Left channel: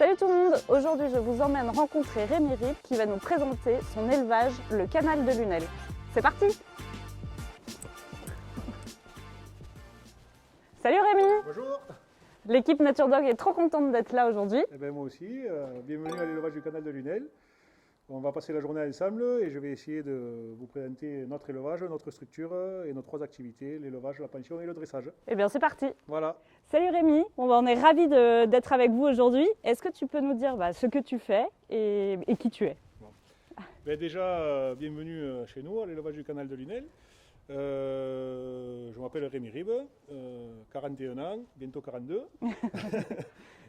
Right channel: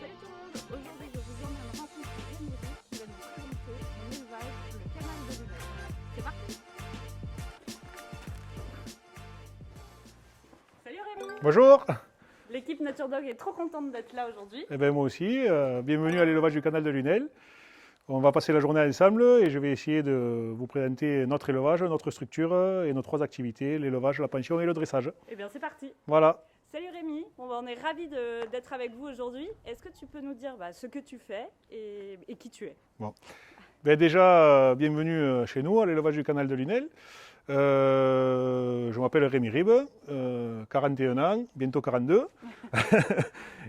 Salut tout le monde, aujourd'hui je vous emmène rencontrer Rémi Rib qui va nous présenter son élevage, le canal de Lunel. C'est parti! Salut Rémi! Bonjour! L'équipe Nature Dog est trop contente d'être là aujourd'hui. Eh bien moi aussi, bienvenue à l'élevage du canal de Lunel. On va passer la journée ensemble et je vais essayer de vous présenter notre élevage, notre structure et nos 3 activités, l'élevage, la pension et le dressage. Eh bien c'est parti! Voilà. Salut Rémi, on est ravis d'être avec vous aujourd'hui. Est-ce que tu peux nous dire ce que tu fais et qui tu es? Bon. Ben déjà, bienvenue chez nous à l'élevage du canal de Lunel. Je m'appelle Rémi Rib, 41 ans, bientôt 42.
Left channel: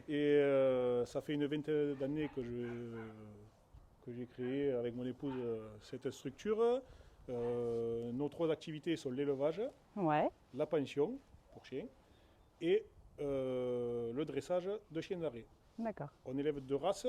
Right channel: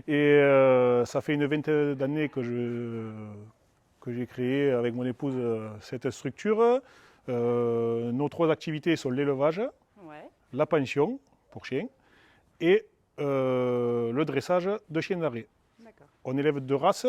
Et ça fait une vingtaine d'années que j'ai créé avec mon épouse cette structure. Nos 3 activités sont l'élevage, la pension pour chiens et le dressage de chiens d'arrêt. D'accord. On élève 2 races.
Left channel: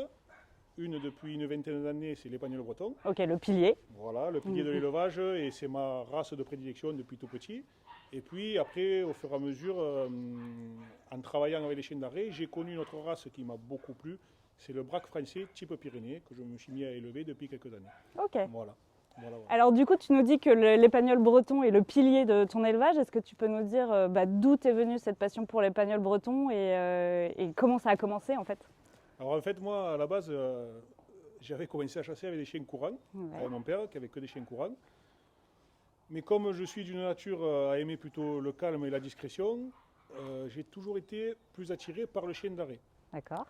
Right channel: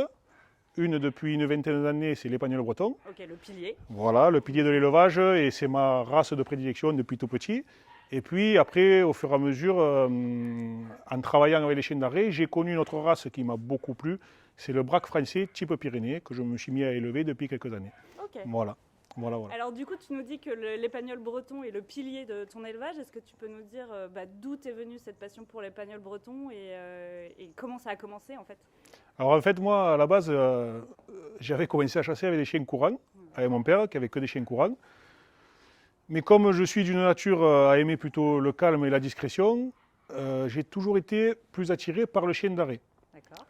Une depuis une vingtaine d'années, c'est l'Épagnol breton. Ok, le pilier. Voilà, le pilier de l'élevage, et c'est ma race de prédilection depuis tout petit. Et puis après, au fur et à mesure, en travaillant avec les chiens d'arrêt, j'ai connu une autre race qui m'a beaucoup plu. C'est le braque français type Pyrénées, que je me suis mis à élever depuis quelques années. Ok. Voilà. Alors du coup, tu nous dis que l'épagnol breton est le pilier de ton élevage. Est-ce que tu peux nous dire d'où est venue cette passion pour l'épagnol breton et comment ça a commencé en fait? Alors en fait, moi, à la base, j'avais commencé à chasser avec des chiens courants, avec mon père, qui avait que des chiens courants. Mais comme je suis d'une nature à aimer plutôt le calme et la discrétion, j'ai toujours été plus attiré par le chien d'arrêt. D'accord.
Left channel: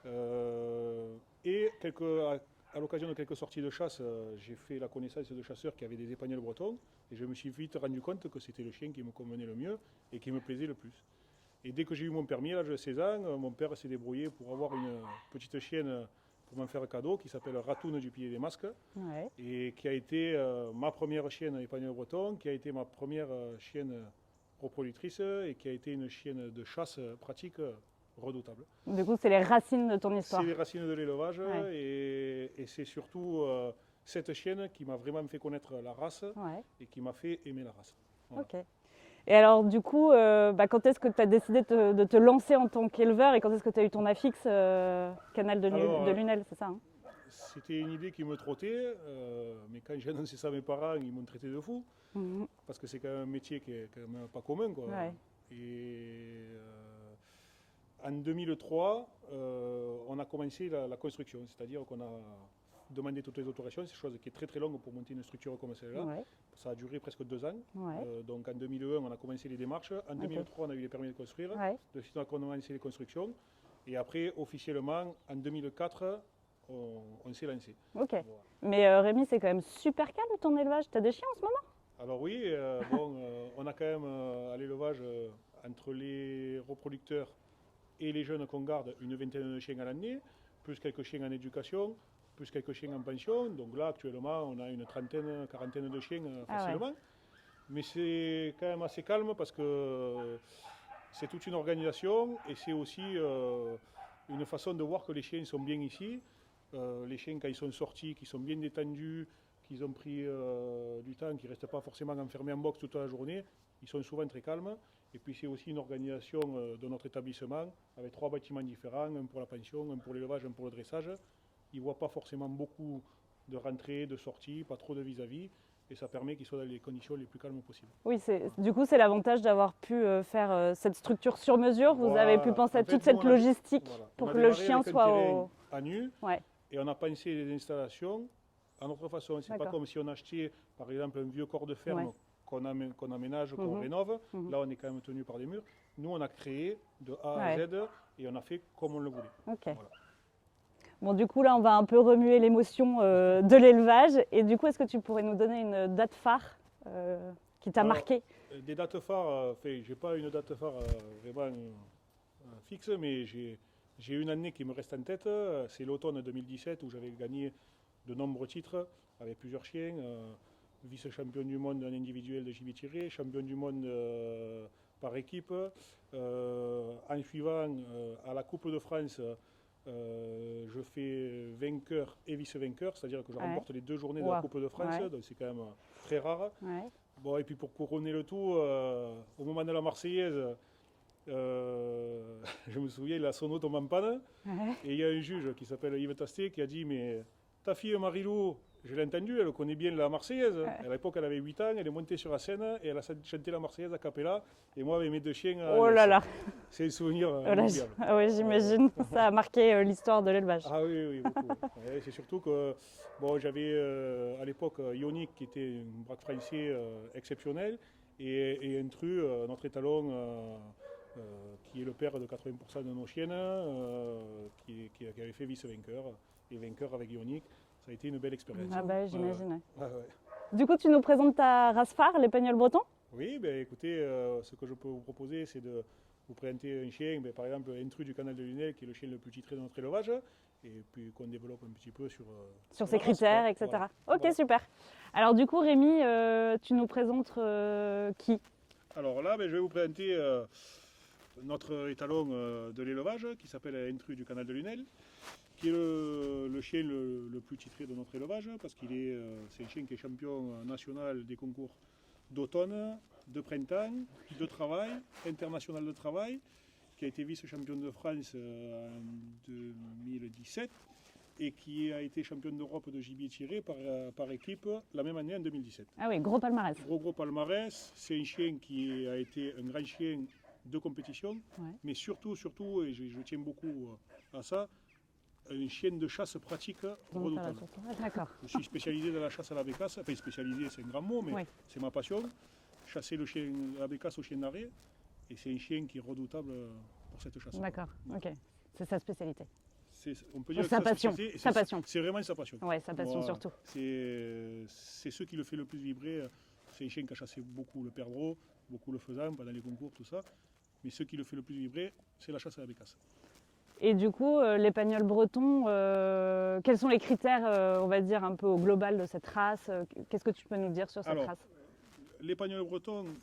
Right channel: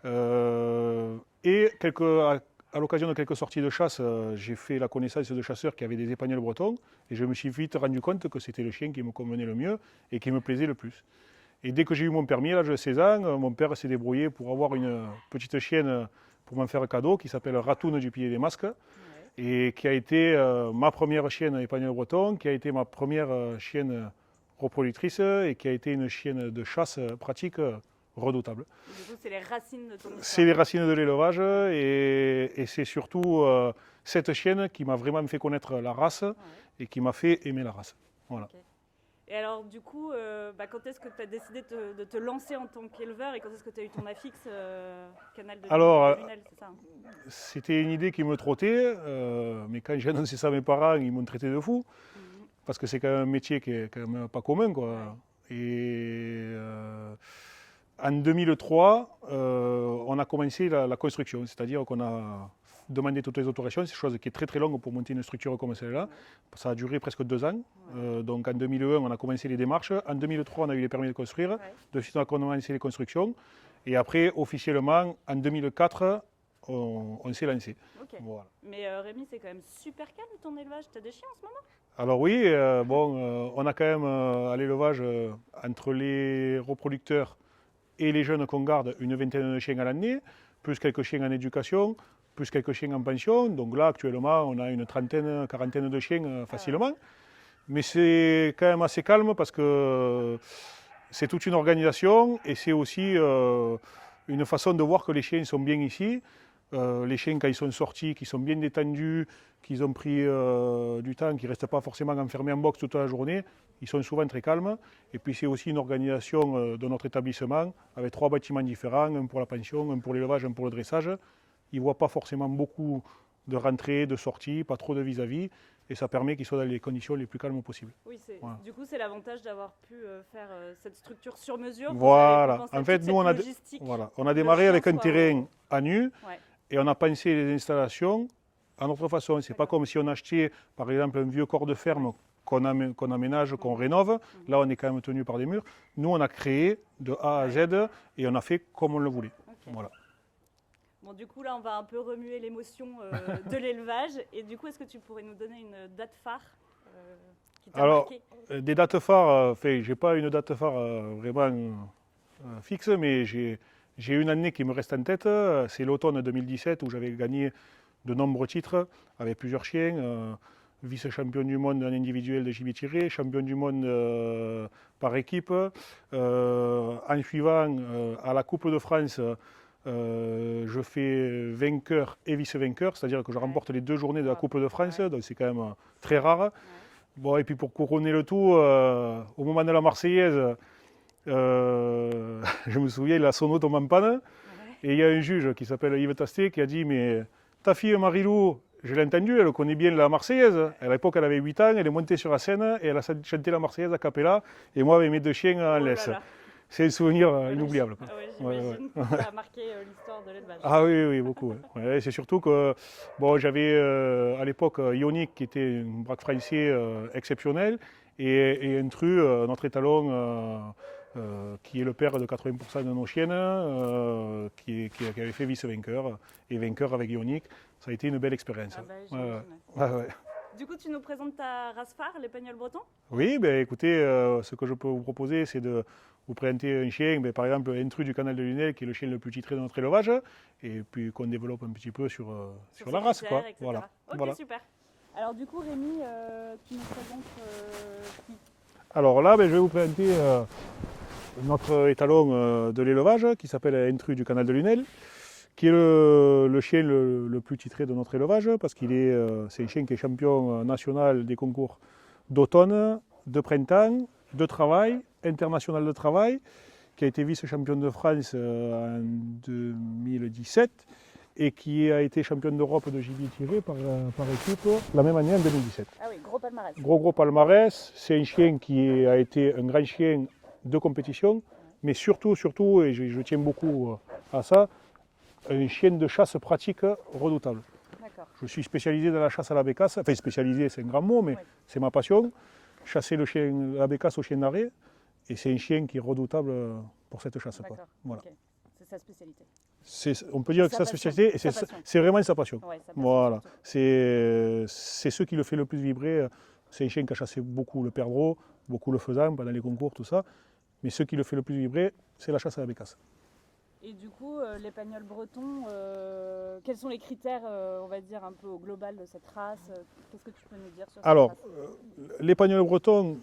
Et à l'occasion de quelques sorties de chasse, j'ai fait la connaissance de chasseurs qui avaient des épagnols bretons, et je me suis vite rendu compte que c'était le chien qui me convenait le mieux et qui me plaisait le plus. Et dès que j'ai eu mon permis, à l'âge de 16 ans, mon père s'est débrouillé pour avoir une petite chienne pour m'en faire un cadeau qui s'appelle Ratoune du Pilier des Masques, et qui a été ma première chienne épagnol breton, qui a été ma première chienne reproductrice et qui a été une chienne de chasse pratique redoutable. Du coup, c'est les racines de ton histoire. C'est les racines de l'élevage et c'est surtout cette chienne qui m'a vraiment fait connaître la race et qui m'a fait aimer la race. Voilà. Okay. Et alors du coup, quand est-ce que tu as décidé de te lancer en tant qu'éleveur et quand est-ce que tu as eu ton affixe canal de Lunel, c'est ça hein? C'était une idée qui me trottait, mais quand j'ai annoncé ça à mes parents, ils m'ont traité de fou, parce que c'est quand même un métier qui est quand même pas commun, quoi. Et en 2003, on a commencé la construction, c'est-à-dire qu'on a demandé toutes les autorisations, c'est une chose qui est très très longue pour monter une structure comme celle-là. Ça a duré presque 2 ans. Donc en 2001, on a commencé les démarches. En 2003, on a eu les permis de construire. De suite, on a commencé les constructions. Et après, officiellement, en 2004, on s'est lancé. Okay. Voilà. Mais Rémi, c'est quand même super calme ton élevage. Tu as des chiens en ce moment? Alors oui, on a quand même à l'élevage, entre les reproducteurs et les jeunes qu'on garde, une vingtaine de chiens à l'année, plus quelques chiens en éducation, plus quelques chiens en pension. Donc là, actuellement, on a une trentaine, quarantaine de chiens facilement. Mais c'est quand même assez calme parce que c'est toute une organisation et c'est aussi une façon de voir que les chiens sont bien ici. Les chiens, quand ils sont sortis, qui sont bien détendus, qu'ils ont pris du temps, qui ne restent pas forcément enfermés en box toute la journée, ils sont souvent très calmes. Et puis c'est aussi une organisation de notre établissement avec 3 bâtiments différents, un pour la pension, un pour l'élevage, un pour le dressage. Ils ne voient pas forcément beaucoup de rentrées, de sorties, pas trop de vis-à-vis, et ça permet qu'ils soient dans les conditions les plus calmes possibles. Oui, du coup, c'est l'avantage d'avoir pu faire cette structure sur mesure. Vous avez pu penser à toute cette logistique. On a démarré avec un terrain à nu, et on a pensé les installations à notre façon. Ce n'est pas comme si on achetait, par exemple, un vieux corps de ferme qu'on aménage, qu'on rénove. Là, on est quand même tenu par des murs. Nous, on a créé de A à Z, et on a fait comme on le voulait. Voilà. Bon, du coup, là, on va un peu remuer l'émotion de l'élevage. Et du coup, est-ce que tu pourrais nous donner une date phare qui t'a marqué? Des dates phares, je n'ai pas une date phare vraiment fixe, mais j'ai une année qui me reste en tête. C'est l'automne 2017 où j'avais gagné de nombreux titres avec plusieurs chiens. Vice-champion du monde en individuel de gibier tiré, champion du monde par équipe. En suivant, à la Coupe de France, je fais vainqueur et vice-vainqueur, c'est-à-dire que je remporte les 2 journées de la Coupe de France, donc c'est quand même très rare. Bon, et puis pour couronner le tout, au moment de la Marseillaise, je me souviens, la sono tombe en panne. Et il y a un juge qui s'appelle Yves Tastet qui a dit, mais ta fille Marilou, je l'ai entendue, elle connaît bien la Marseillaise. À l'époque, elle avait 8 ans, elle est montée sur la scène et elle a chanté la Marseillaise a cappella. Et moi, avec mes 2 chiens en Oh laisse. là là. C'est un souvenir Voilà, inoubliable. ah oui, j'imagine. Ça a marqué l'histoire de l'élevage. Ah oui, oui, beaucoup. Ouais, c'est surtout que bon, j'avais à l'époque Ionic qui était un braque français exceptionnel et Intru, notre étalon, qui est le père de 80% de nos chiennes, qui avait fait vice-vainqueur et vainqueur avec Ionic. Ça a été une belle expérience. Ah bah, j'imagine. Ouais, ouais. Du coup, tu nous présentes ta race phare, l'Épagnol breton? Oui, ben, écoutez, ce que je peux vous proposer, c'est de vous présenter un chien, ben, par exemple Intru du canal de Lunel, qui est le chien le plus titré de notre élevage, et puis qu'on développe un petit peu sur Sur la ses race, critères, quoi. etc. Voilà. Ok, Voilà. super. Alors du coup, Rémi, tu nous présentes qui? Alors là, ben, je vais vous présenter notre étalon de l'élevage, qui s'appelle Intru du canal de Lunel, qui est le chien le plus titré de notre élevage, parce c'est un chien qui est champion national des concours d'automne, de printemps, de travail, international de travail, qui a été vice-champion de France en 2017 et qui a été champion d'Europe de gibier tiré par équipe la même année en 2017. Ah oui, gros palmarès. Gros palmarès, c'est un chien qui a été un grand chien de compétition, mais surtout, et je tiens beaucoup à ça, un chien de chasse pratique redoutable. D'accord. Je suis spécialisé dans la chasse à la bécasse, enfin spécialisé c'est un grand mot, mais Oui. c'est ma passion. Chasser la bécasse au chien d'arrêt, et c'est un chien qui est redoutable pour cette chasse. D'accord, Voilà. ok. C'est sa spécialité. On peut dire que sa sa passion. spécialité, Sa passion. c'est vraiment sa passion. Ouais, sa passion Voilà. surtout. C'est ce qui le fait le plus vibrer. C'est un chien qui a chassé beaucoup le perdreau, beaucoup le faisan pendant les concours, tout ça. Mais ce qui le fait le plus vibrer, c'est la chasse à la bécasse. Et du coup, l'Épagnol breton, quels sont les critères, on va dire, un peu au global de cette race? Qu'est-ce que tu peux nous dire sur cette Alors, race? l'Épagnol breton,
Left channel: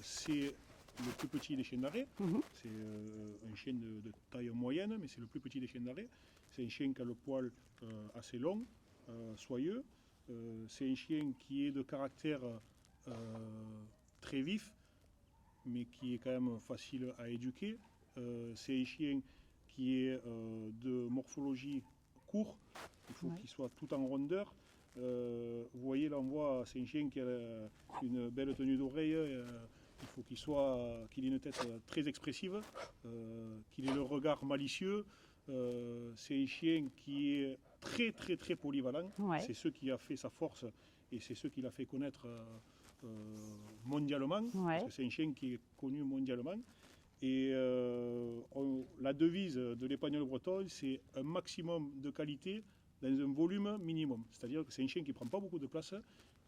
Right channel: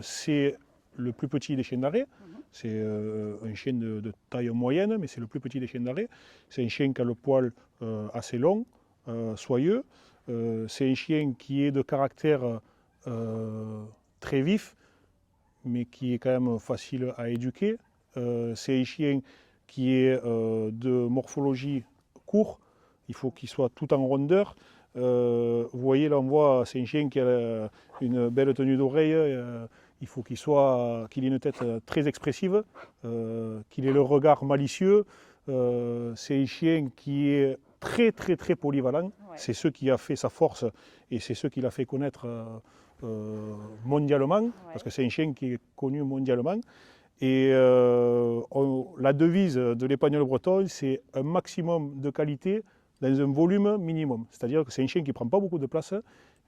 c'est le plus petit des chiens d'arrêt. Mhm. C'est un chien de taille moyenne, mais c'est le plus petit des chiens d'arrêt. C'est un chien qui a le poil assez long, soyeux. C'est un chien qui est de caractère très vif, mais qui est quand même facile à éduquer. C'est un chien qui est de morphologie court. Il faut qu'il soit tout en rondeur. Vous voyez, là on voit, c'est un chien qui a une belle tenue d'oreille. Il faut qu'il ait une tête très expressive, qu'il ait le regard malicieux. C'est un chien qui est très polyvalent. Ouais. C'est ce qui a fait sa force et c'est ce qui l'a fait connaître mondialement, parce que c'est un chien qui est connu mondialement. Et la devise de l'Épagnol breton, c'est un maximum de qualité dans un volume minimum. C'est-à-dire que c'est un chien qui ne prend pas beaucoup de place,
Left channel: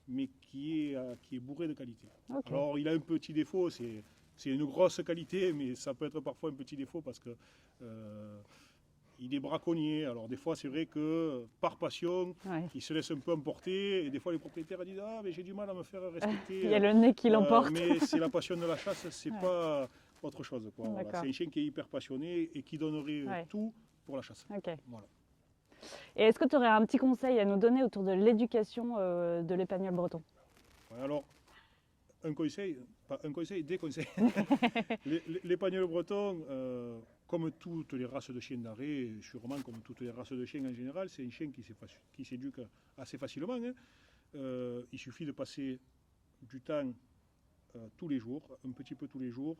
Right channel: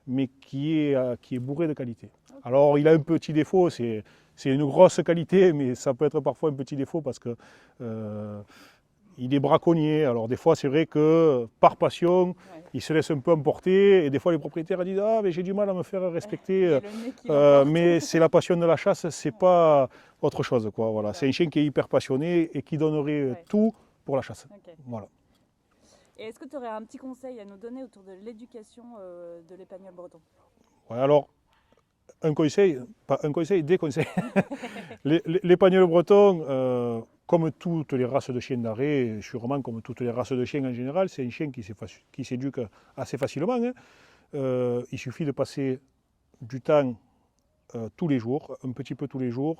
mais qui est bourré de qualité. Okay. Alors il a un petit défaut, c'est une grosse qualité, mais ça peut être parfois un petit défaut parce que il est braconnier. Alors des fois c'est vrai que par passion, il se laisse un peu emporter, et des fois les propriétaires disent « Ah mais j'ai du mal à me faire respecter ». Il y a le nez qui l'emporte. Mais c'est la passion de la chasse, c'est pas autre chose, quoi. Voilà. C'est un chien qui est hyper passionné et qui donnerait tout pour la chasse. Okay. Voilà. Et est-ce que tu aurais un petit conseil à nous donner autour de l'éducation de l'Épagnol breton? Ouais, alors, un conseil, pas un conseil, des conseils. L'Épagnol breton, comme toutes les races de chiens d'arrêt, sûrement comme toutes les races de chiens en général, c'est un chien qui s'éduque assez facilement. Hein. Il suffit de passer du temps tous les jours, un petit peu tous les jours.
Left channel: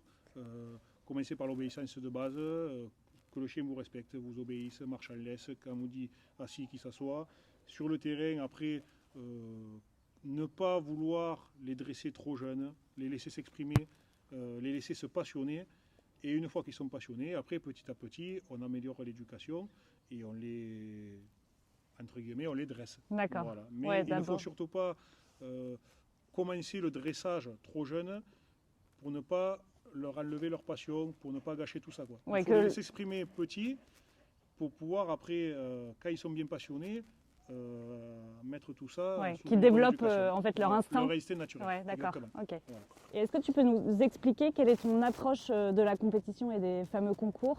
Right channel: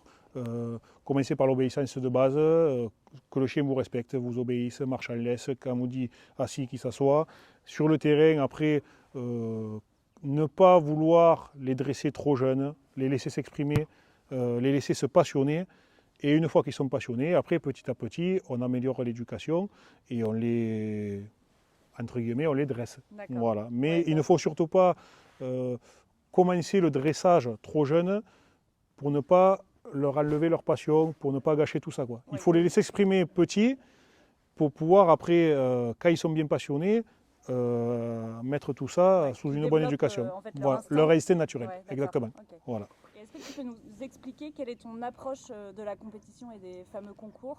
Commencez par l'obéissance de base, que le chien vous respecte, vous obéisse, marche en laisse, quand on vous dit assis, qu'il s'assoit. Sur le terrain, après, ne pas vouloir les dresser trop jeunes, les laisser s'exprimer, les laisser se passionner. Et une fois qu'ils sont passionnés, après, petit à petit, on améliore l'éducation et on les, entre guillemets, on les dresse. Voilà. Mais il ne faut surtout pas commencer le dressage trop jeune pour ne pas leur enlever leur passion, pour ne pas gâcher tout ça, quoi. Il faut les laisser s'exprimer petits pour pouvoir après, quand ils sont bien passionnés, mettre tout ça sous une bonne éducation. En fait, leur instinct naturel. Exactement. Okay. Voilà. Et est-ce que tu peux nous expliquer quelle est ton approche de la compétition et des fameux concours?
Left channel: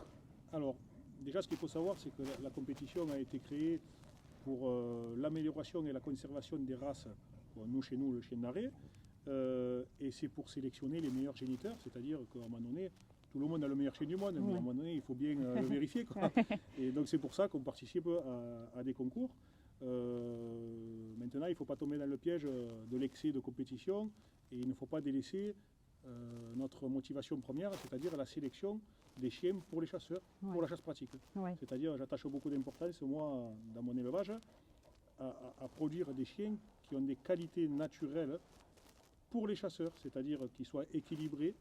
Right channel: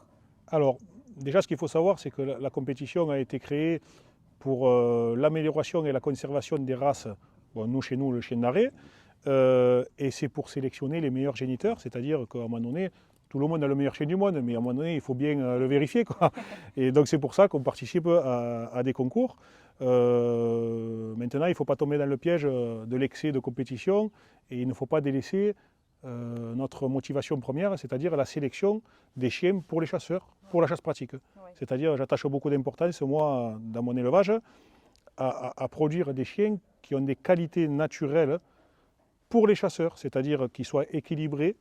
Alors, déjà, ce qu'il faut savoir, c'est que la compétition a été créée pour l'amélioration et la conservation des races. Bon, nous, chez nous, le chien d'arrêt. Et c'est pour sélectionner les meilleurs géniteurs, c'est-à-dire qu'à un moment donné, tout le monde a le meilleur chien du monde, mais à un moment donné, il faut bien le vérifier, quoi. Et donc c'est pour ça qu'on participe à des concours. Maintenant, il ne faut pas tomber dans le piège de l'excès de compétition et il ne faut pas délaisser notre motivation première, c'est-à-dire la sélection des chiens pour les chasseurs, pour la chasse pratique. C'est-à-dire, j'attache beaucoup d'importance, moi, dans mon élevage, à produire des chiens qui ont des qualités naturelles pour les chasseurs, c'est-à-dire qu'ils soient équilibrés.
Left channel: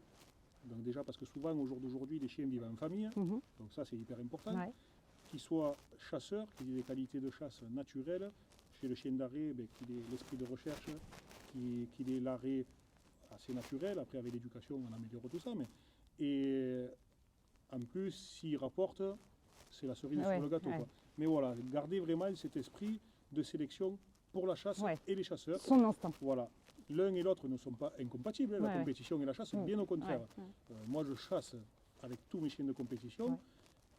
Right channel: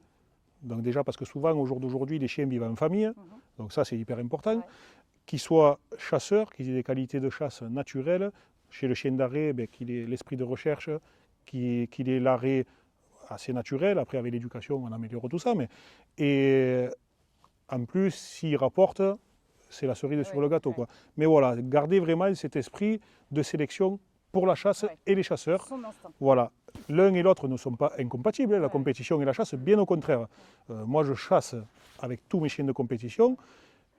Donc déjà, parce que souvent, au jour d'aujourd'hui, les chiens vivent en famille, donc ça, c'est hyper important. Qu'ils soient chasseurs, qu'ils aient des qualités de chasse naturelles. Chez le chien d'arrêt, qu'il ait l'esprit de recherche, qu'il ait l'arrêt assez naturel. Après, avec l'éducation, on améliore tout ça. Et en plus, s'il rapporte, c'est la cerise sur le gâteau, quoi. Mais voilà, garder vraiment cet esprit de sélection pour la chasse et les chasseurs. Son instinct. Voilà. L'un et l'autre ne sont pas incompatibles, la compétition et la chasse, bien au contraire. Moi, je chasse avec tous mes chiens de compétition,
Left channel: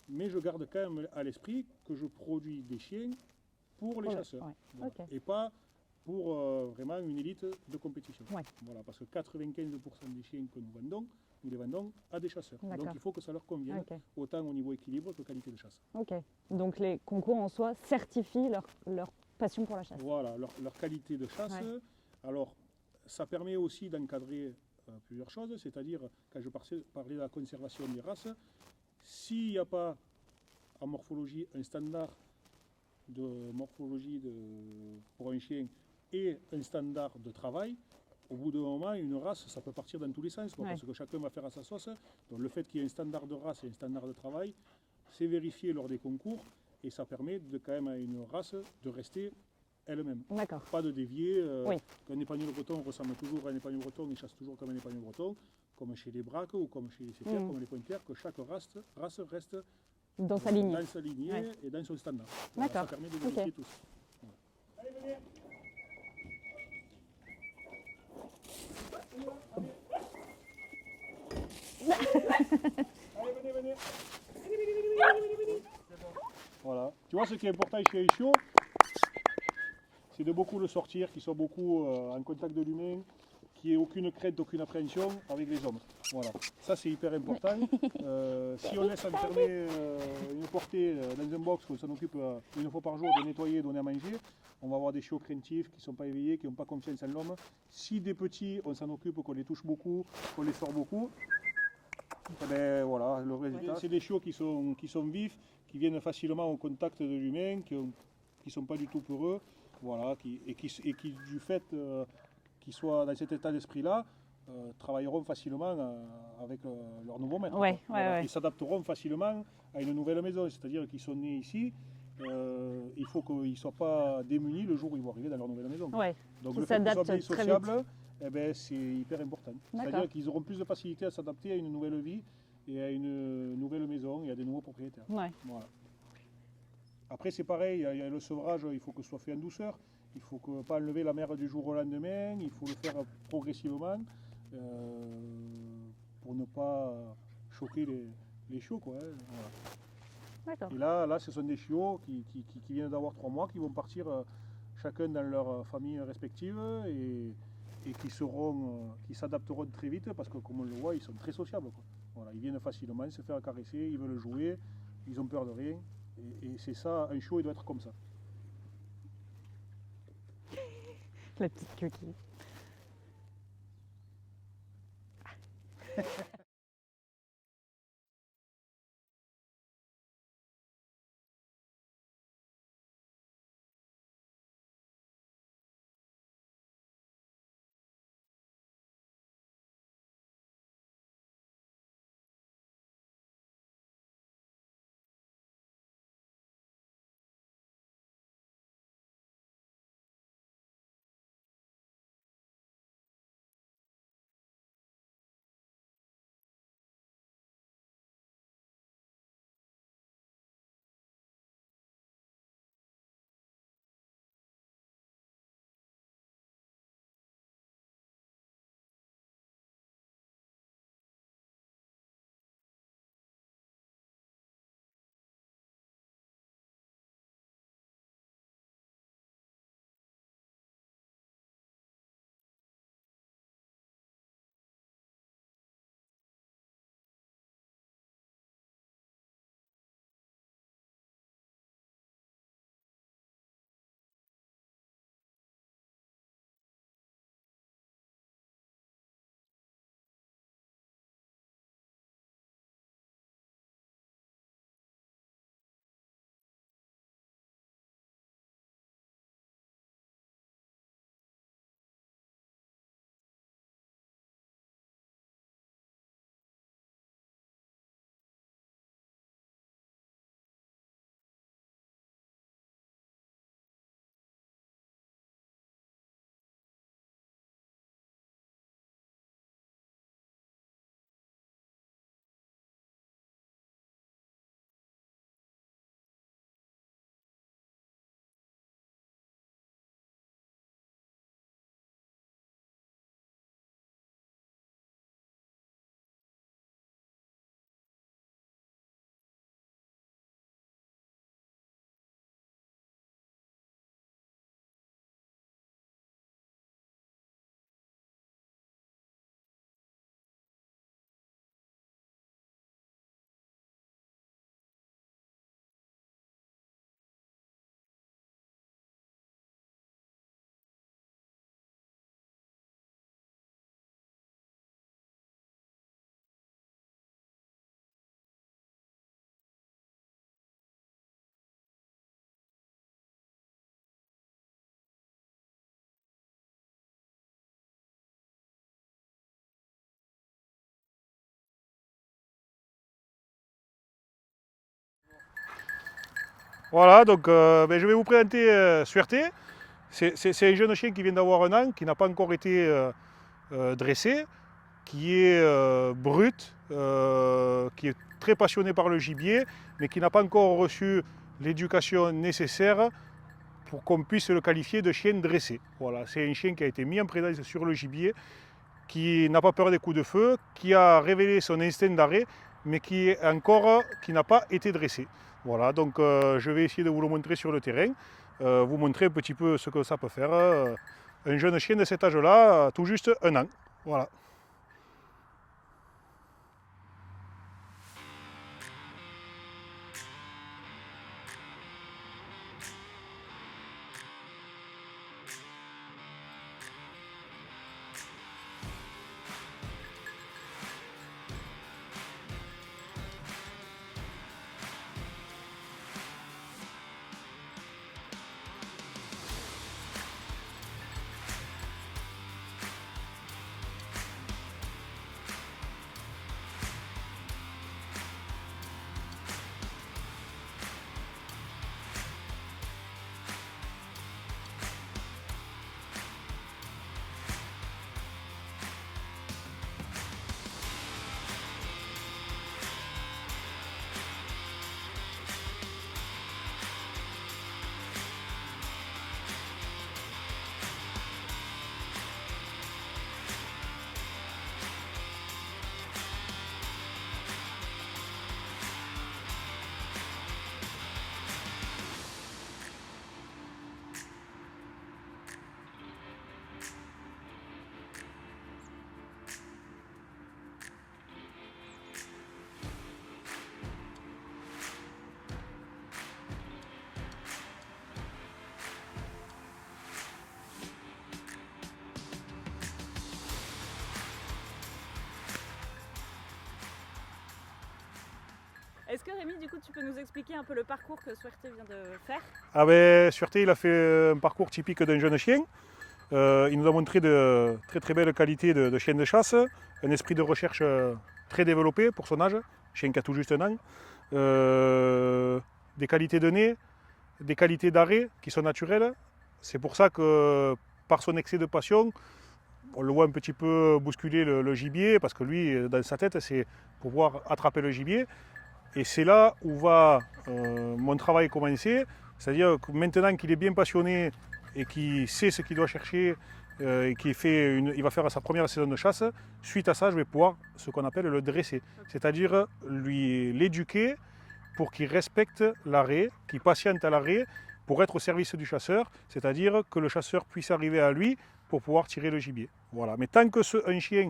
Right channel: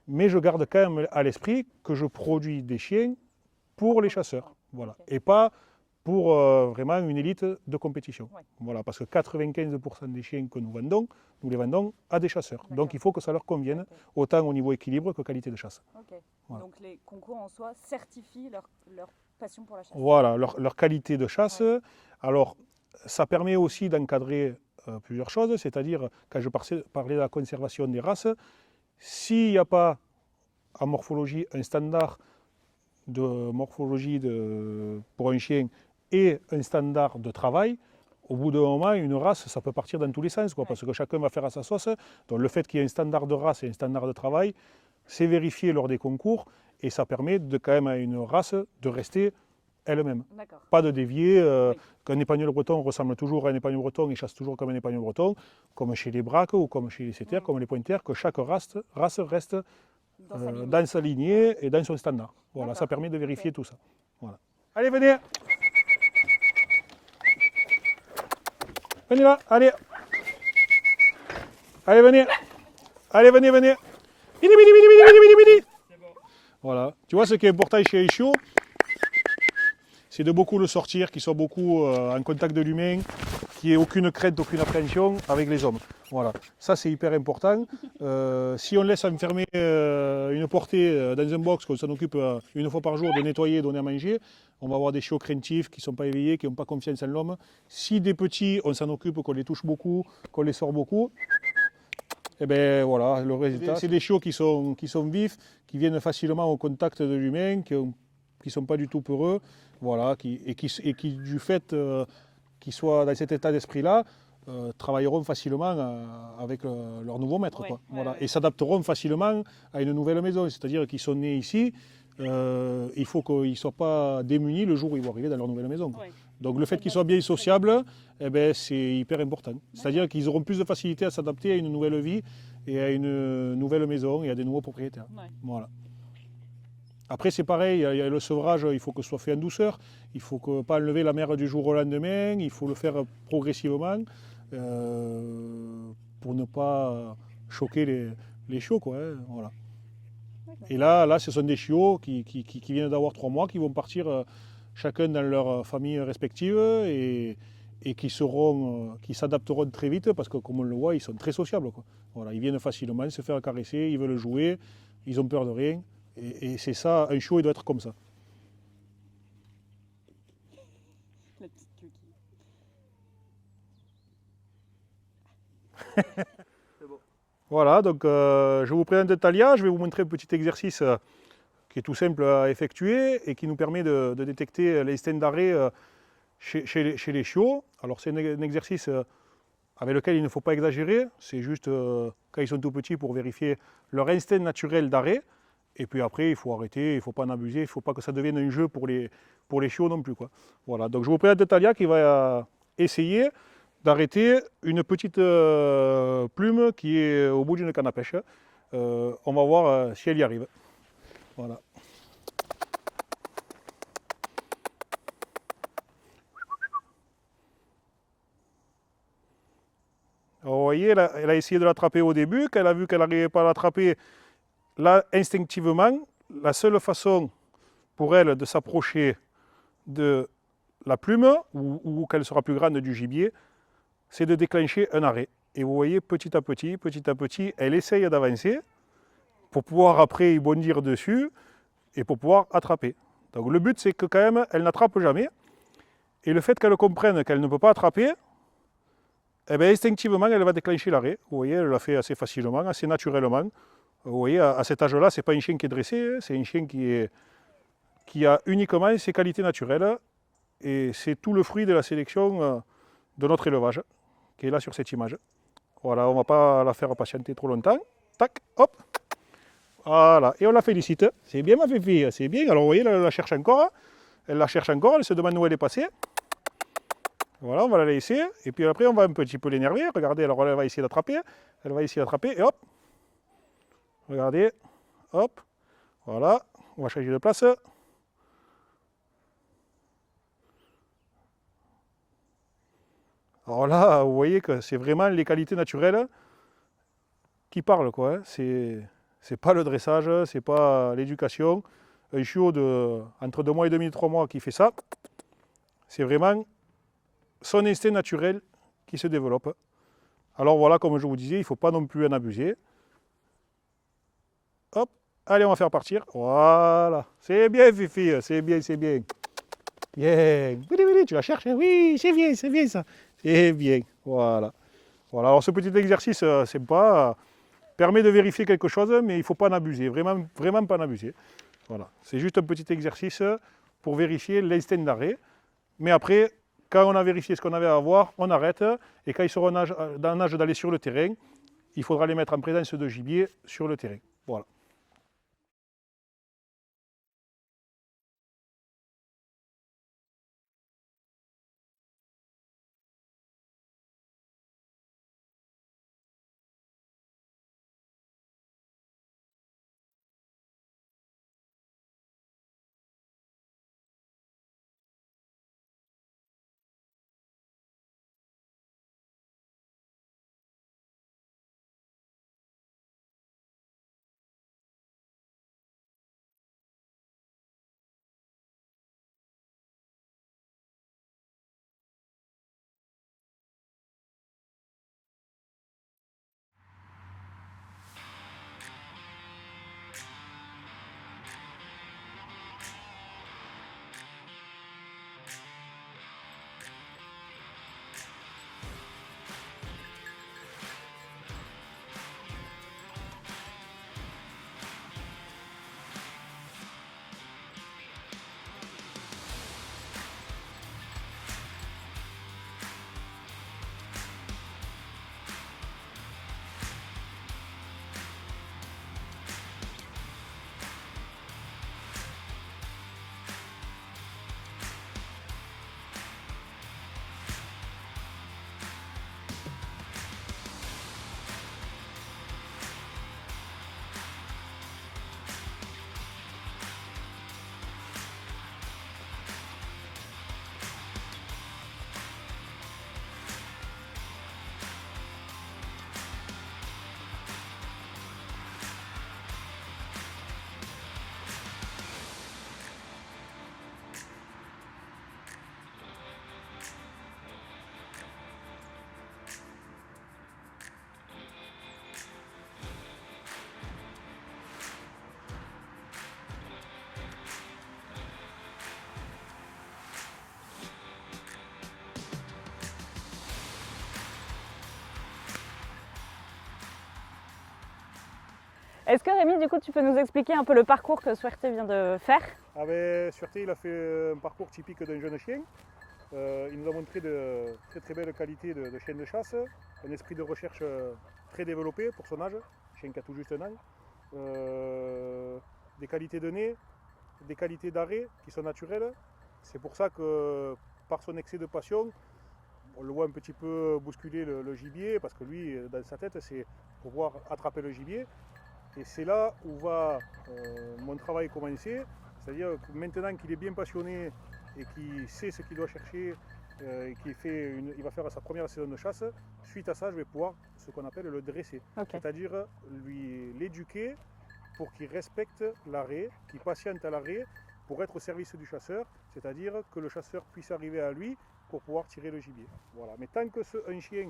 mais je garde quand même à l'esprit que je produis des chiens pour les chasseurs. Voilà. Et pas pour vraiment une élite de compétition. Voilà, parce que 95% des chiens que nous les vendons à des chasseurs. Donc il faut que ça leur convienne, autant au niveau équilibre que qualité de chasse. Voilà. Donc les concours en soi certifient leur passion pour la chasse. Voilà, leur qualité de chasse. Alors, ça permet aussi d'encadrer plusieurs choses, c'est-à-dire, quand je parlais de la conservation des races, s'il n'y a pas en morphologie un standard de morphologie pour un chien et un standard de travail, au bout d'un moment, une race, ça peut partir dans tous les sens, parce que chacun va faire à sa sauce. Donc le fait qu'il y ait un standard de race et un standard de travail, c'est vérifié lors des concours et ça permet quand même à une race de rester elle-même. Pas de dévier, qu'un épagnol breton ressemble toujours à un épagnol breton et chasse toujours comme un épagnol breton, comme chez les braques ou comme chez les setters, comme les pointers, que chaque race reste dans sa lignée et dans son standard. Voilà, ça permet de vérifier tout ça. Voilà. Allez, venez. Venez là, allez. Allez, venez. Allez, venez. Vini. Voilà. Tu vois, ce qui est important chez les chiots, c'est de beaucoup le sortir, qu'ils soient beaucoup en contact de l'humain, qu'il n'y ait aucune crainte, aucune appréhension avec les hommes. Voilà, ça c'est hyper important. Si on laisse enfermer une portée dans un box, qu'on s'en occupe une fois par jour de nettoyer, donner à manger, on va avoir des chiots craintifs qui ne sont pas éveillés, qui n'ont pas confiance en l'homme. Si des petits, on s'en occupe, qu'on les touche beaucoup, qu'on les sort beaucoup, et bien voilà, le résultat, c'est des chiots qui sont vifs, qui viennent facilement au contact de l'humain, qui ne sont pas du tout peureux. Voilà, qui du fait qu'ils soient dans cet état d'esprit-là, travailleront facilement avec leur nouveau maître. Voilà. Et s'adapteront facilement à une nouvelle maison. C'est-à-dire qu'ils sont nés ici, il faut qu'ils ne soient pas démunis le jour où ils vont arriver dans leur nouvelle maison. Donc le fait qu'ils soient bien sociables, c'est hyper important. C'est-à-dire qu'ils auront plus de facilité à s'adapter à une nouvelle vie et à une nouvelle maison et à des nouveaux propriétaires. Voilà. Après, c'est pareil, il y a le sevrage, il faut que ce soit fait en douceur, il ne faut pas enlever la mère du jour au lendemain, il faut le faire progressivement pour ne pas choquer les chiots, quoi, hein, voilà. Et là, ce sont des chiots qui viennent d'avoir 3 mois, qui vont partir chacun dans leur famille respective et qui s'adapteront très vite parce que, comme on le voit, ils sont très sociables, quoi. Voilà, ils viennent facilement se faire caresser, ils veulent jouer, ils ont peur de rien. Et c'est ça, un chiot, il doit être comme ça. La petite coquille. Voilà, donc je vous présente Talia, je vais vous montrer un petit exercice qui est tout simple à effectuer et qui nous permet de détecter l'instinct d'arrêt chez les chiots. Alors c'est un exercice avec lequel il ne faut pas exagérer, c'est juste quand ils sont tout petits pour vérifier leur instinct naturel d'arrêt. Et puis après, il faut arrêter, il ne faut pas en abuser, il ne faut pas que ça devienne un jeu pour les chiots non plus, quoi. Voilà, donc je vous présente Talia qui va essayer d'arrêter une petite plume qui est au bout d'une canne à pêche. On va voir si elle y arrive. Voilà. Alors, vous voyez, elle a essayé de l'attraper au début, quand elle a vu qu'elle n'arrivait pas à l'attraper, là, instinctivement, la seule façon pour elle de s'approcher de la plume, ou qu'elle sera plus grande du gibier, c'est de déclencher un arrêt. Et vous voyez, petit à petit, elle essaye d'avancer pour pouvoir après y bondir dessus et pour pouvoir attraper. Donc le but, c'est que quand même, elle n'attrape jamais. Et le fait qu'elle comprenne qu'elle ne peut pas attraper, eh bien, instinctivement, elle va déclencher l'arrêt. Vous voyez, elle l'a fait assez facilement, assez naturellement. Vous voyez, à cet âge-là, ce n'est pas un chien qui est dressé, c'est un chien qui a uniquement ses qualités naturelles. Et c'est tout le fruit de la sélection de notre élevage, qui est là sur cette image. Voilà, on ne va pas la faire patienter trop longtemps. Tac, hop. Voilà, et on la félicite. C'est bien ma fille, c'est bien. Alors vous voyez, elle la cherche encore. Elle la cherche encore, elle se demande où elle est passée. Voilà, on va la laisser. Et puis après, on va un petit peu l'énerver. Regardez, alors elle va essayer d'attraper. Elle va essayer d'attraper, et hop. Regardez, hop. Voilà, on va changer de place. Alors là, vous voyez que c'est vraiment les qualités naturelles qui parlent, quoi. Hein. C'est pas le dressage, c'est pas l'éducation. Un chiot de entre 2 mois et demi et 3 mois qui fait ça, c'est vraiment son instinct naturel qui se développe. Alors voilà, comme je vous disais, il ne faut pas non plus en abuser. Hop, allez, on va faire partir. Voilà, c'est bien, Fifi, c'est bien, c'est bien. Bien, oui, tu la cherches, hein. Oui, c'est bien ça. C'est bien, voilà. Voilà, alors ce petit exercice sympa permet de vérifier quelque chose, mais il ne faut pas en abuser, vraiment, vraiment pas en abuser. Voilà, c'est juste un petit exercice pour vérifier l'instinct d'arrêt. Mais après, quand on a vérifié ce qu'on avait à voir, on arrête. Et quand ils seront dans l'âge d'aller sur le terrain, il faudra les mettre en présence de gibier sur le terrain. Voilà. Voilà, donc je vais vous présenter Suerté. C'est un jeune chien qui vient d'avoir 1 an, qui n'a pas encore été dressé, qui est brut, qui est très passionné par le gibier, mais qui n'a pas encore reçu l'éducation nécessaire pour qu'on puisse le qualifier de chien dressé. Voilà, c'est un chien qui a été mis en présence sur le gibier, qui n'a pas peur des coups de feu, qui a révélé son instinct d'arrêt, mais qui n'a pas été dressé. Voilà, donc je vais essayer de vous le montrer sur le terrain, vous montrer un petit peu ce que ça peut faire. Un jeune chien de cet âge-là, tout juste 1 an. Voilà. Est-ce que Rémi, du coup, tu peux nous expliquer un peu le parcours que Suerté vient de faire? Ah ben, Suerté, il a fait un parcours typique d'un jeune chien. Il nous a montré de très belles qualités de chien de chasse, un esprit de recherche très développé pour son âge, chien qui a tout juste 1 an, des qualités de nez, des qualités d'arrêt qui sont naturelles. C'est pour ça que par son excès de passion, on le voit un petit peu bousculer le gibier, parce que lui, dans sa tête, c'est pouvoir attraper le gibier. Et c'est là où va mon travail commencer, c'est-à-dire que maintenant qu'il est bien passionné et qu'il sait ce qu'il doit chercher et il va faire sa première saison de chasse, suite à ça, je vais pouvoir ce qu'on appelle le dresser, c'est-à-dire l'éduquer pour qu'il respecte l'arrêt, qu'il patiente à l'arrêt pour être au service du chasseur, c'est-à-dire que le chasseur puisse arriver à lui pour pouvoir tirer le gibier. Voilà. Mais tant que un chien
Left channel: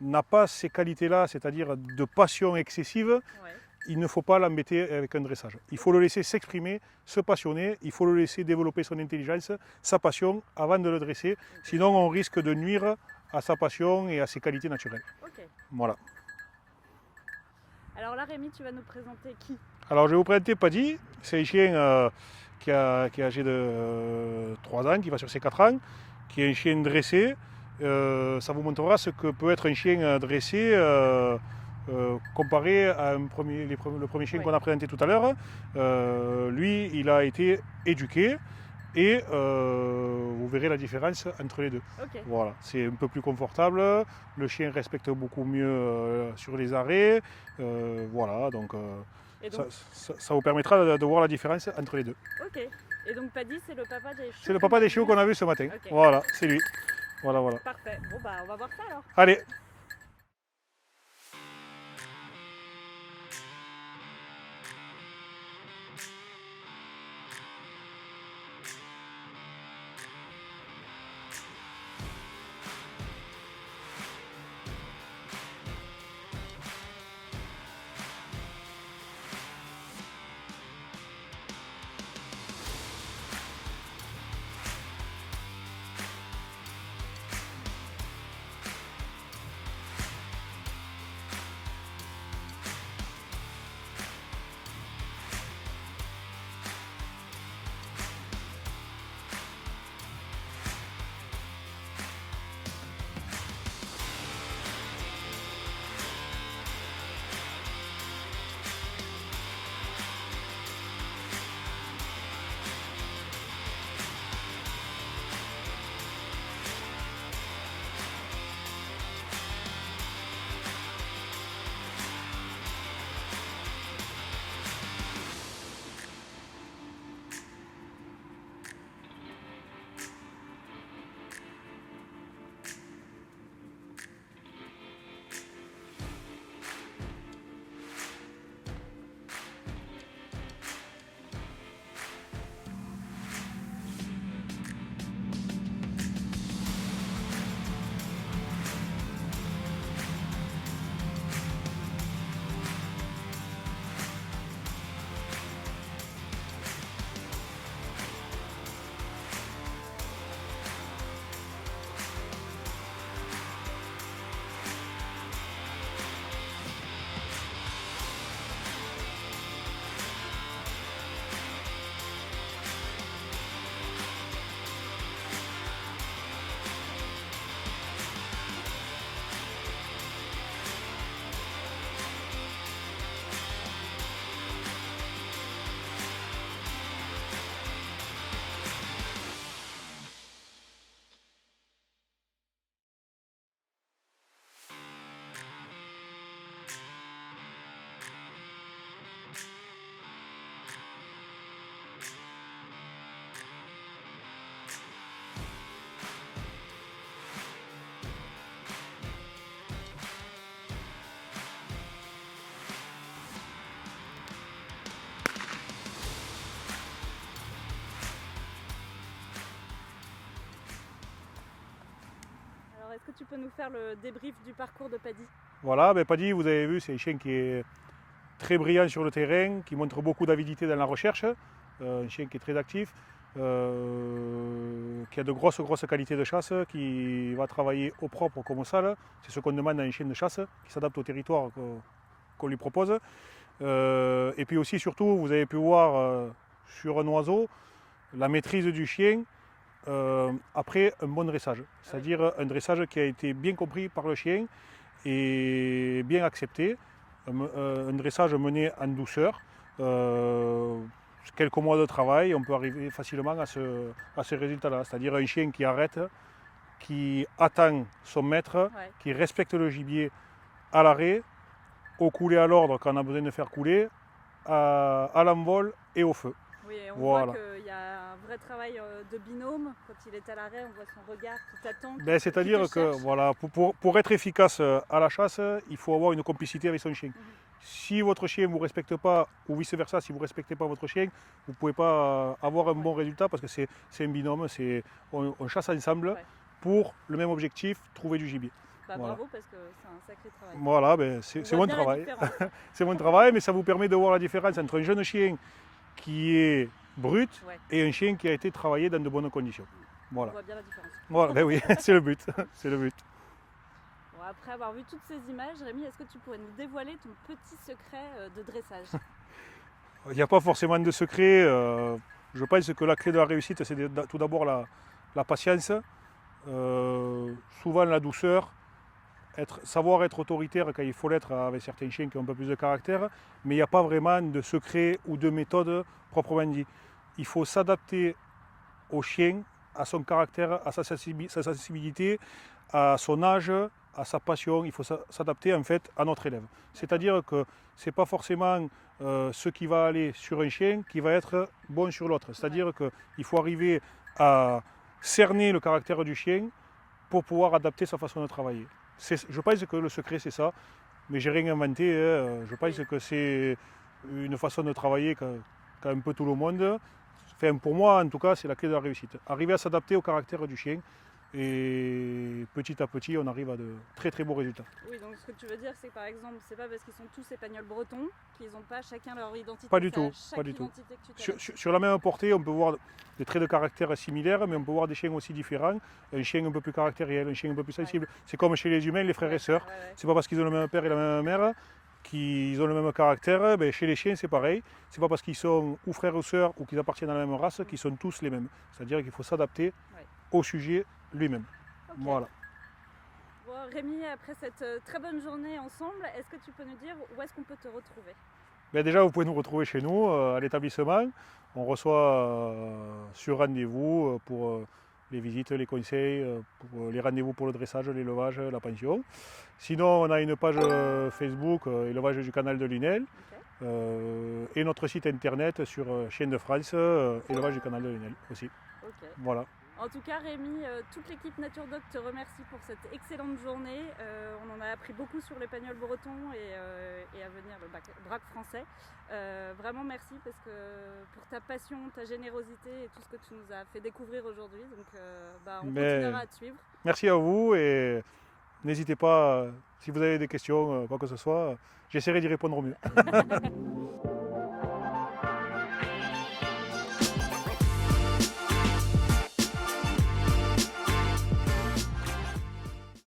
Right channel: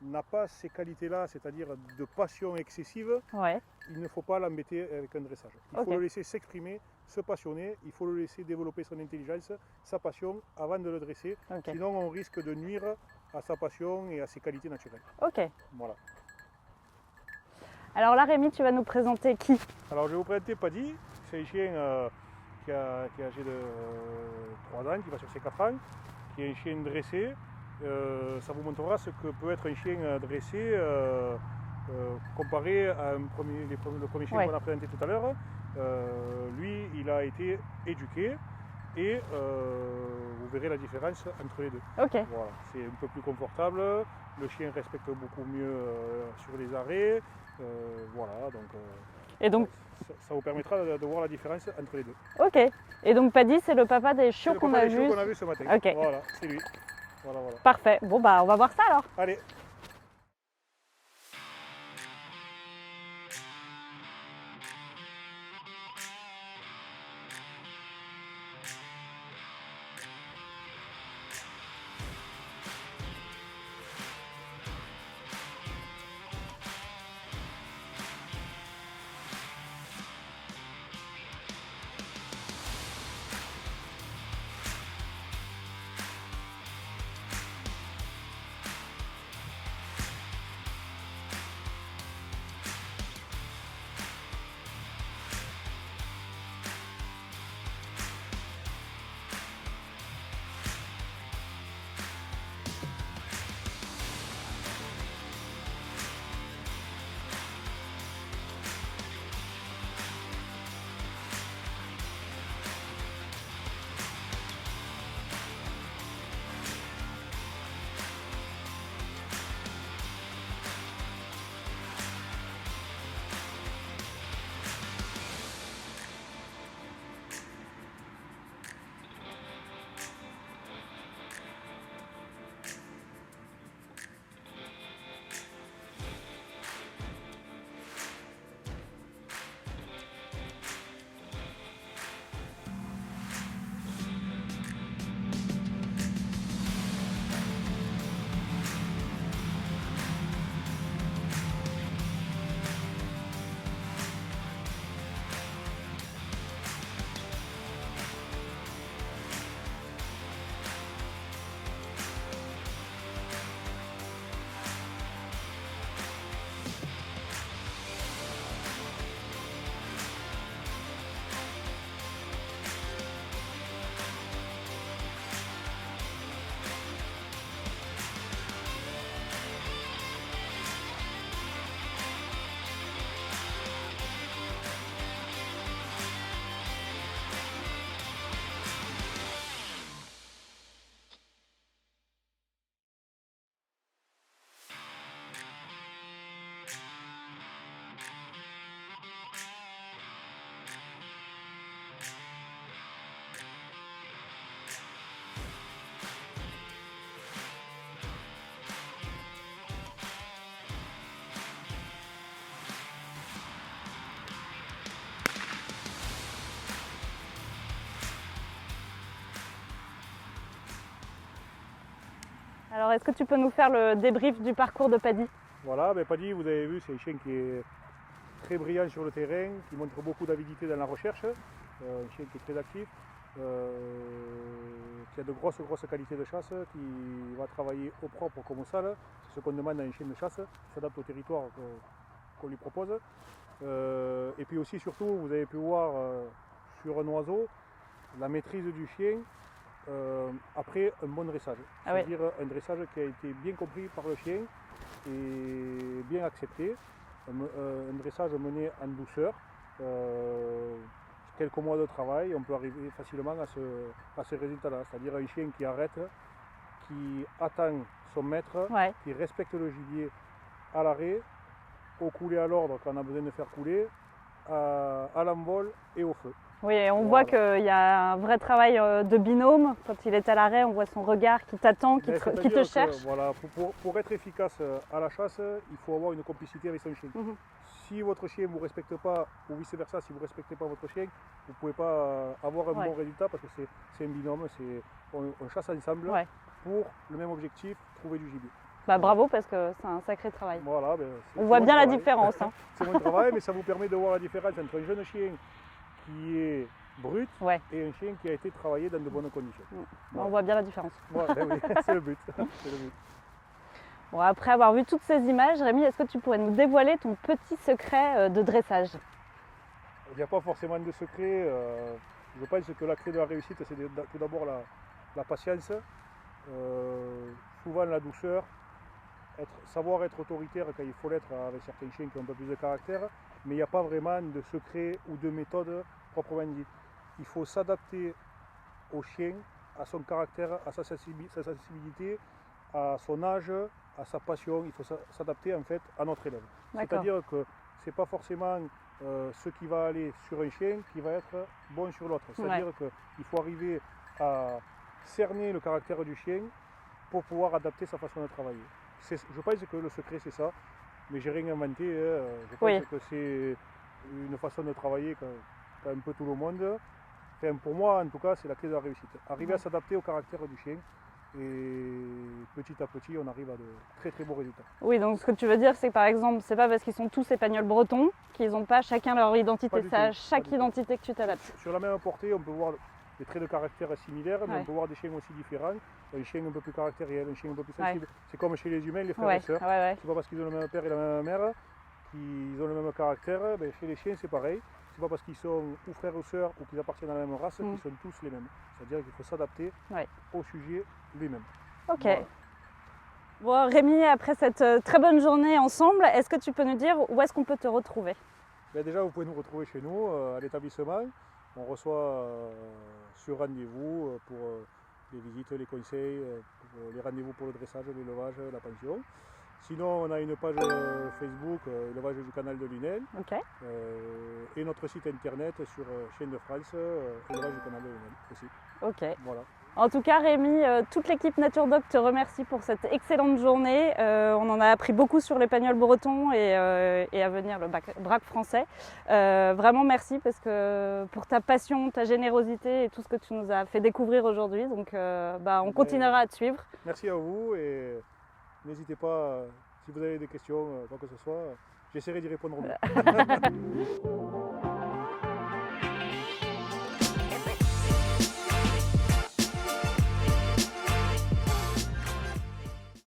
n'a pas ces qualités-là, c'est-à-dire de passion excessive, Ouais. il ne faut pas l'embêter avec un dressage. Il faut Ok. le laisser s'exprimer, se passionner, il faut le laisser développer son intelligence, sa passion avant de le dresser. Ok. Sinon, on risque de nuire à sa passion et à ses qualités naturelles. Ok. Voilà. Alors là, Rémi, tu vas nous présenter qui? Alors, je vais vous présenter Paddy. C'est un chien qui est âgé de 3 ans, qui va sur ses 4 ans, qui est un chien dressé. Ça vous montrera ce que peut être un chien dressé comparé à le premier chien Ouais. qu'on a présenté tout à l'heure. Lui, il a été éduqué et vous verrez la différence entre les deux. Ok. Voilà, c'est un peu plus confortable, le chien respecte beaucoup mieux sur les arrêts. Voilà, donc, Et donc, ça vous permettra de voir la différence entre les deux. ok. Et donc, Paddy, c'est le papa des chiots. C'est le qu'on papa a des chiots vus. qu'on a vu ce matin. Ok. Voilà, c'est lui. Voilà, voilà. Parfait. Bon, bah, on va voir ça alors. Allez. Alors, est-ce que tu peux nous faire le débrief du parcours de Paddy? Voilà, ben Paddy, vous avez vu, c'est un chien qui est très brillant sur le terrain, qui montre beaucoup d'avidité dans la recherche, un chien qui est très actif, qui a de grosses qualités de chasse, qui va travailler au propre comme au sale. C'est ce qu'on demande à un chien de chasse, qui s'adapte au territoire qu'on lui propose. Et puis aussi, surtout, vous avez pu voir sur un oiseau la maîtrise du chien après un bon dressage. Ah oui. C'est-à-dire un dressage qui a été bien compris par le chien et bien accepté. Un dressage mené en douceur. Quelques mois de travail, on peut arriver facilement à ce résultat-là. C'est-à-dire un chien qui arrête, qui attend son maître, Ouais. qui respecte le gibier à l'arrêt, au couler à l'ordre quand on a besoin de faire couler, à l'envol et au feu. Oui, et on Voilà. voit qu'il y a un vrai travail de binôme. Quand il est à l'arrêt, on voit son regard qui t'attend, qui C'est-à-dire te cherche. que voilà, pour être efficace à la chasse, il faut avoir une complicité avec son chien. Mhm. Si votre chien ne vous respecte pas, ou vice-versa, si vous ne respectez pas votre chien, vous ne pouvez pas avoir un Ouais. bon résultat parce que c'est un binôme, on chasse ensemble Ouais. pour le même objectif, trouver du gibier. Bah, bravo parce que c'est un sacré travail. Voilà, ben, c'est On c'est voit mon bien la travail. différence. Hein. C'est mon travail, mais ça vous permet de voir la différence entre un jeune chien qui est brut Ouais. et un chien qui a été travaillé dans de bonnes conditions. On Voilà, voit bien la différence. voilà ben oui, c'est le but. C'est le but. Bon, après avoir vu toutes ces images, Rémi, est-ce que tu pourrais nous dévoiler ton petit secret de dressage? Il n'y a pas forcément de secret. Je pense que la clé de la réussite, c'est tout d'abord la patience, souvent la douceur, savoir être autoritaire quand il faut l'être avec certains chiens qui ont un peu plus de caractère, mais il n'y a pas vraiment de secret ou de méthode proprement dit. Il faut s'adapter au chien, à son caractère, à sa sensibilité, à son âge, à sa passion. Il faut s'adapter en fait à notre élève. C'est-à-dire que ce n'est pas forcément ce qui va aller sur un chien qui va être bon sur l'autre. C'est-à-dire qu'il faut arriver à cerner le caractère du chien pour pouvoir adapter sa façon de travailler. Je pense que le secret c'est ça, mais j'ai rien inventé. Je pense que c'est une façon de travailler qu'a un peu tout le monde. Enfin, pour moi en tout cas c'est la clé de la réussite. Arriver à s'adapter au caractère du chien et petit à petit on arrive à de très très beaux résultats. Oui, donc ce que tu veux dire c'est que par exemple c'est pas parce qu'ils sont tous espagnols bretons qu'ils n'ont pas chacun leur identité, Pas du c'est à tout, chaque identité que tu t'adaptes. Sur la même portée on peut voir des traits de caractère similaires, mais on peut voir des chiens aussi différents. Un chien un peu plus caractériel, un chien un peu plus sensible. C'est comme chez les humains, les frères et sœurs. C'est pas parce qu'ils ont le même père et la même mère qu'ils ont le même caractère. Ben, chez les chiens, c'est pareil. C'est pas parce qu'ils sont ou frères ou sœurs ou qu'ils appartiennent à la même race qu'ils sont tous les mêmes. C'est-à-dire qu'il faut s'adapter au sujet lui-même. Ok. Voilà. Bon, Rémi, après cette très bonne journée ensemble, est-ce que tu peux nous dire où est-ce qu'on peut te retrouver? Ben, déjà, vous pouvez nous retrouver chez nous, à l'établissement. On reçoit sur rendez-vous pour les visites, les conseils, pour les rendez-vous pour le dressage, l'élevage, la pension. Sinon, on a une page Facebook, élevage du canal de Lunel, et notre site internet sur Chiens de France, élevage du canal de Lunel aussi. Ok. Voilà. En tout cas, Rémi, toute l'équipe NatureDog te remercie pour cette excellente journée. On en a appris beaucoup sur l'épagneul breton et à venir le braque français. Vraiment merci parce que pour ta passion, ta générosité et tout ce que tu nous as fait découvrir aujourd'hui. Donc on continuera à te suivre. Merci à vous et n'hésitez pas, si vous avez des questions, quoi que ce soit, j'essaierai d'y répondre au mieux.